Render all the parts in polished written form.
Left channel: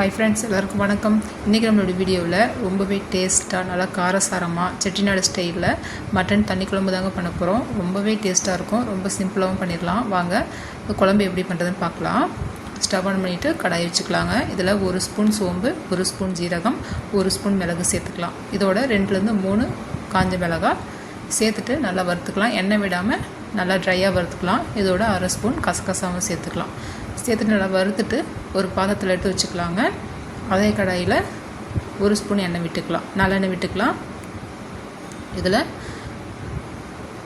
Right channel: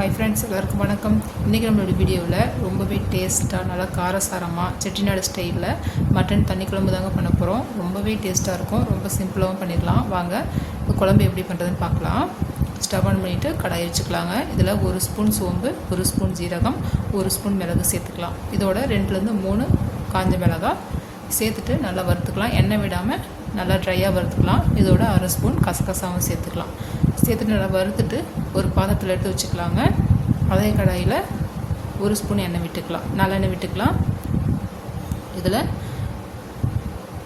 Hi friends, எல்லாருக்கும் வணக்கம். இன்றைக்கி நம்மளோட வீடியோவில் ரொம்பவே டேஸ்ட்டாக நல்லா காரசாரமாக செட்டிநாடு ஸ்டைலில் மட்டன் தண்ணி குழம்பு தாங்க பண்ண போகிறோம். ரொம்பவே டேஸ்ட்டாக இருக்கும். ரொம்ப சிம்பிளாகவும் பண்ணிடலாம். வாங்க குழம்பு எப்படி பண்ணுறதுன்னு பார்க்கலாம். ஸ்டவ் ஆன் பண்ணிவிட்டு கடாய் வச்சுக்கலாங்க. இதில் 1 ஸ்பூன் சோம்பு, 1 ஸ்பூன் ஜீரகம், 1 ஸ்பூன் மிளகு சேர்த்துக்கலாம். இதோட 2லேருந்து 3 காஞ்ச மிளகாய் சேர்த்துட்டு நல்லா வறுத்துக்கலாம். எண்ணெய் விடாமல் நல்லா ட்ரையாக வறுத்துக்கலாம். இதோட 1/2 ஸ்பூன் கசகசாவும் சேர்த்துக்கலாம். சேர்த்துட்டு நல்லா வறுத்துட்டு ஒரு பாத்திரத்தில் எடுத்து வச்சுக்கலாங்க. அதே கடாயில் 1 ஸ்பூன் எண்ணெய் விட்டுக்கலாம், நல்லெண்ணெய் விட்டுக்கலாம். இதில்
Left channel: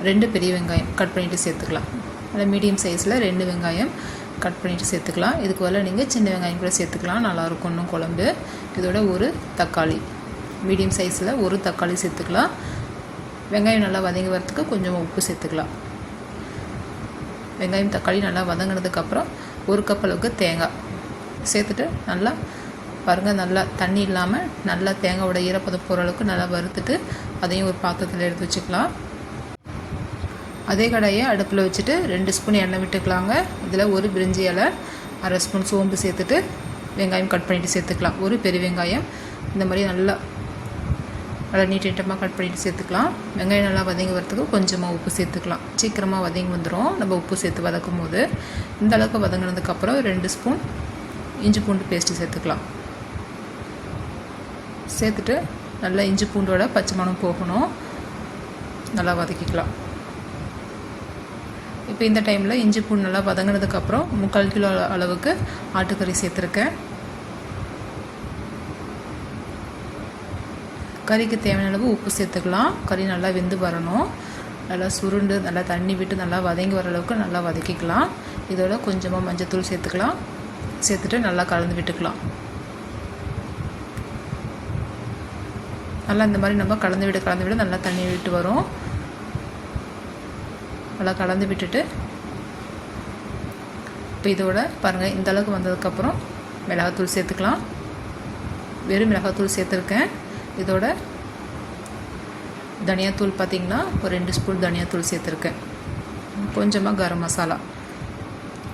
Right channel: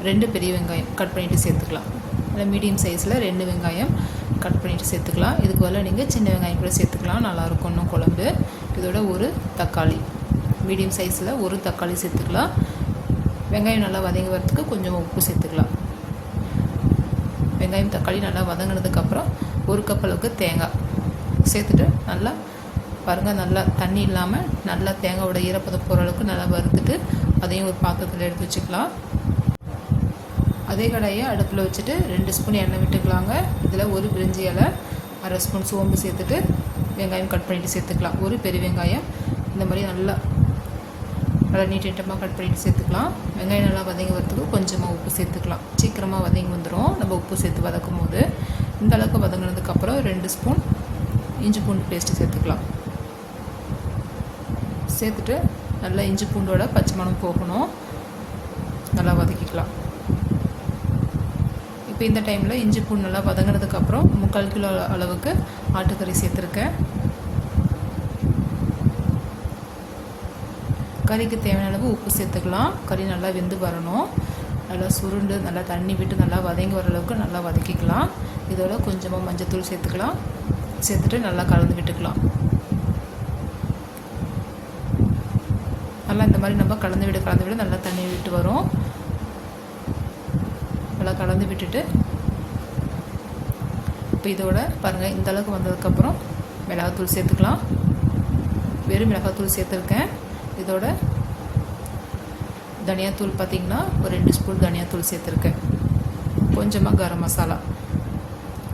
2 பெரிய வெங்காயம் கட் பண்ணிவிட்டு சேர்த்துக்கலாம். அது மீடியம் சைஸில் 2 வெங்காயம் கட் பண்ணிவிட்டு சேர்த்துக்கலாம். இதுக்கு பதிலாக நீங்கள் சின்ன வெங்காயம் கூட சேர்த்துக்கலாம், நல்லாயிருக்கும் இன்னும் குழம்பு. இதோட 1 தக்காளி மீடியம் சைஸில் 1 தக்காளி சேர்த்துக்கலாம். வெங்காயம் நல்லா வதங்கி வரத்துக்கு கொஞ்சம் உப்பு சேர்த்துக்கலாம். வெங்காயம் தக்காளி நல்லா வதங்கினதுக்கப்புறம் 1 கப் அளவுக்கு தேங்காய் சேர்த்துட்டு நல்லா பாருங்கள், நல்லா தண்ணி இல்லாமல் நல்லா தேங்காயோட ஈரப்பதம் போகிற அளவுக்கு நல்லா வறுத்துட்டு அதையும் ஒரு பாத்திரத்தில் எடுத்து வச்சுக்கலாம். அதே கடாயை அடுப்பில் வச்சுட்டு 2 ஸ்பூன் எண்ணெய் விட்டுக்கலாங்க. இதில் 1 பிரிஞ்சி இலை, 1/2 ஸ்பூன் சோம்பு சேர்த்துட்டு வெங்காயம் கட் பண்ணிவிட்டு சேர்த்துக்கலாம். 1 பெரிய வெங்காயம் இந்த மாதிரி நல்லா நீட்டமாக கட் பண்ணிவிட்டு சேர்த்துக்கலாம். வெங்காயம் நல்லா வதங்கி வரத்துக்கு கொஞ்சமாக உப்பு சேர்த்துக்கலாம். சீக்கிரமாக வதங்கி வந்துடும் நம்ம உப்பு சேர்த்து வதக்கும் போது. இந்த அளவுக்கு வதங்கினதுக்கப்புறம் 2 ஸ்பூன் இஞ்சி பூண்டு பேஸ்ட்டு சேர்த்துக்கலாம். சேர்த்துட்டு நல்லா இஞ்சி பூண்டோட பச்சை மணம் போகணும், நல்லா வதக்கிக்கலாம். இப்போ இந்த டைமில் இஞ்சி பூண்டு நல்லா வதங்கினதுக்கப்புறம் 3/4 கிலோ அளவுக்கு ஆட்டுக்கறி சேர்த்துருக்கேன். கறிக்கு தேவையான அளவு உப்பு சேர்த்துக்கலாம். கறி நல்லா வெந்து வரணும். நல்லா சுருண்டு நல்லா தண்ணி விட்டு நல்லா வதங்கி வர அளவுக்கு நல்லா வதக்கிக்கலாம். இதோட கொஞ்சமாக மஞ்சத்தூள் சேர்த்துக்கலாம். சேர்த்துட்டு நல்லா கலந்து விட்டுக்கலாம். நல்லா இந்த மாதிரி நம்ம கலந்து விட நல்லா தண்ணி விட்டு வரும். நல்லா கலந்து விட்டுட்டு இப்போ இதோட பாருங்கள், இந்த அளவுக்கு வந்ததுக்கப்புறம் மிளகாத்தூள் சேர்த்துக்கலாம். வெறும் மிளகாத்தூள் சேர்த்துருக்கேன். இதோட தனியாத்தூள் பார்த்திங்கன்னா ஒரு 2 ஸ்பூன் தனியாத்தூள் சேர்த்துருக்கேன். கொஞ்சமாக கரம் மசாலா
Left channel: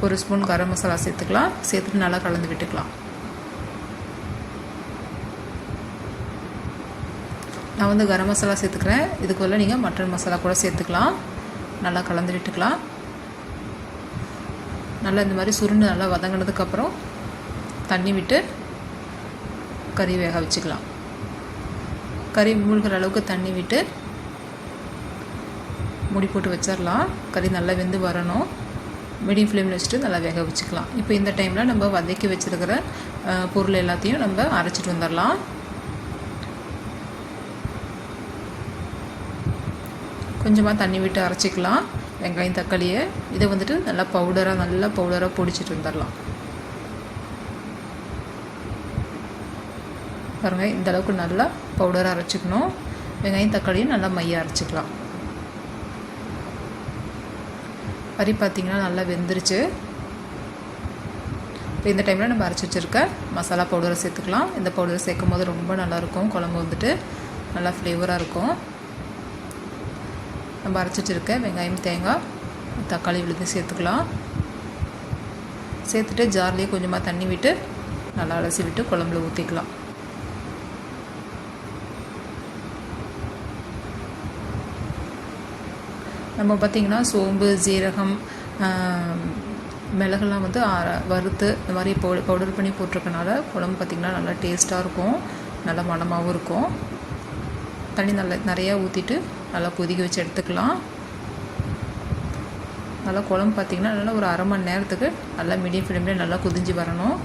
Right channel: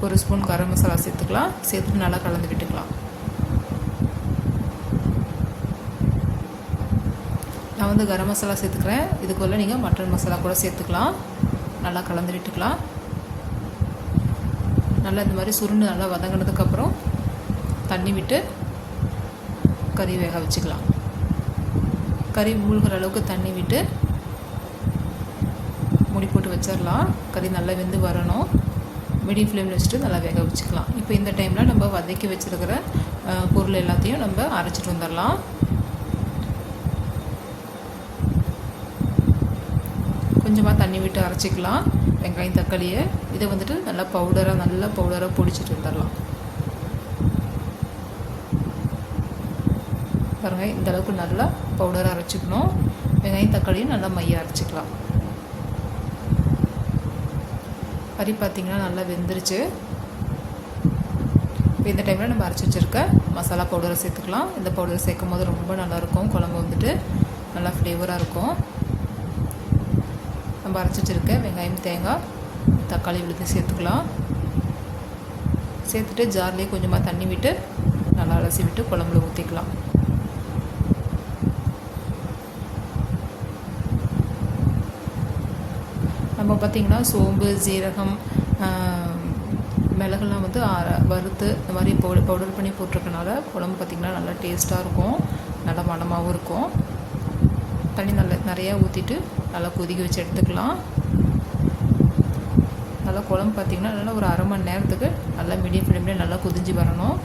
1 ஸ்பூன் கரம் மசாலா சேர்த்துக்கலாம். சேர்த்துட்டு நல்லா கலந்து விட்டுக்கலாம். நான் வந்து கரம் மசாலா சேர்த்துக்கிறேன். இதுக்குள்ள நீங்கள் மட்டன் மசாலா கூட சேர்த்துக்கலாம். நல்லா கலந்து விட்டுக்கலாம். நல்லா இந்த மாதிரி சுருண்டு நல்லா வதங்கினதுக்கப்புறம் தண்ணி விட்டு கறி வேக வச்சுக்கலாம். கறி மூழ்கிற அளவுக்கு தண்ணி விட்டு மூடி போட்டு வச்சிடலாம். கறி நல்லா வெந்து வரணும். மீடியம் ஃப்ளேமில் வச்சுட்டு நல்லா வேக வச்சுக்கலாம். இப்போ இந்த டைமில் நம்ம வதக்கி வச்சுருக்கிற பொருள் எல்லாத்தையும் நம்ம அரைச்சிட்டு வந்துடலாம். கொஞ்சமாக தண்ணி விட்டு அரைச்சிக்கலாம் வெங்காயம் தக்காளியை. இதை வந்துட்டு நல்லா பவுடராக பொடிச்சிட்டு வந்துடலாம். பாருங்கள், இந்த அளவுக்கு நல்லா பவுடராக அரைச்சிக்கணும். வெங்காயம் தக்காளியும் நல்லா மையாக அரைச்சிக்கலாம். கறி பார்த்திங்கன்னா நல்லா வெந்துருச்சு. இந்த டைமில் நம்ம அரைச்சி வச்சுருக்க மசாலா பவுடரை சேர்த்துக்கலாம். இந்த பவுடரை சேர்க்கும் போது ரொம்ப நல்லாயிருக்கும். குழம்பு வந்துட்டு நல்லா ஃப்ளேவராக இருக்கும். நம்ம அரைச்சி வச்சுருக்க வெங்காயம் தேங்காய் தக்காளி விழுந்து சேர்த்துக்கலாம். சேர்த்துட்டு ஜார்லேயே கொஞ்சமாக தண்ணி விட்டு நல்லா அலசி விட்டு குழம்புல ஊற்றிக்கலாம். நம்ம பார்த்திங்கன்னா சோம்பு ஜீரகம் மிளகுலாம் வந்து வறுத்து இந்த மாதிரி பவுடர் பண்ணி போட்டிருக்கனால குழம்பு பார்த்திங்கன்னா நல்லா டேஸ்ட்டாக இருக்கும், நல்லா மணமாகவும் இருக்கும். தண்ணி நல்லா நிறையா ஊற்றிட்டு நல்லா கொதிக்க வச்சு எடுத்துக்கலாம். நல்லா குழம்பு பார்த்திங்கன்னா நல்லா ஒரு 1/2 மணி நேரத்துக்கு நல்லா மீடியம் ஃப்ளேமில் நல்லா கொதிஞ்சு வரணும்.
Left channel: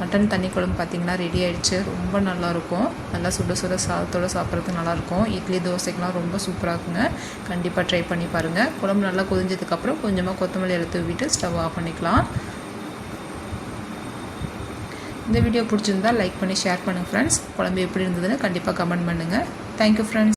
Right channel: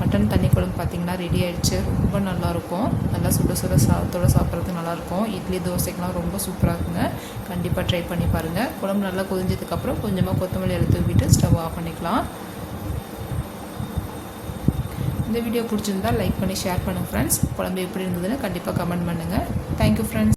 மட்டன் தண்ணி குழம்பு பார்த்திங்கன்னா ரெடி ஆகிடுச்சு. ரொம்ப நல்லாயிருக்கும். நல்லா சுட சாதத்தோடு சாப்பிட்றதுக்கு நல்லாயிருக்கும். இட்லி தோசைக்கெலாம் ரொம்ப சூப்பராக இருக்குங்க. கண்டிப்பாக ட்ரை பண்ணி பாருங்கள். குழம்பு நல்லா கொதிஞ்சதுக்கப்புறம் கொஞ்சமாக கொத்தமல்லி இலை தூவிட்டு ஸ்டவ் ஆஃப் பண்ணிக்கலாம். இந்த வீடியோ பிடிச்சிருந்தால் லைக் பண்ணி ஷேர் பண்ணுங்கள் ஃப்ரெண்ட்ஸ். குழம்பு எப்படி இருந்ததுன்னு கண்டிப்பாக கமெண்ட் பண்ணுங்கள். Thank you friends.